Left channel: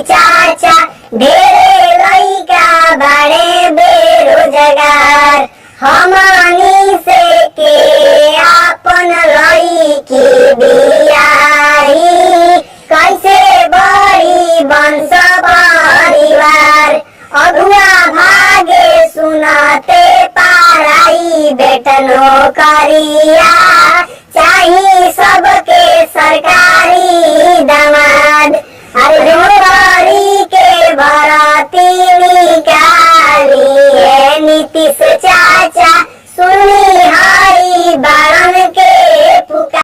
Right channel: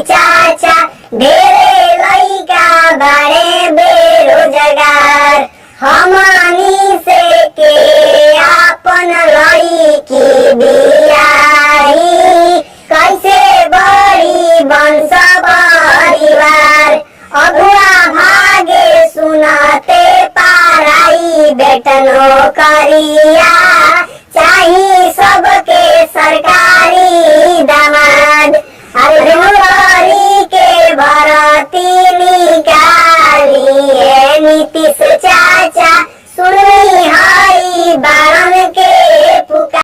चाचा ढेरे लइका बड़े बेरोजगार। हमनी से के आपन लइकी बियाही कैसे बड़ी वंश परिवार। अगुआ भागे सुनते पाराई बेटनो करिया चाही सबके सरकारी दामाद। अरे नौकरी के भर्ती निकाली है नीतीश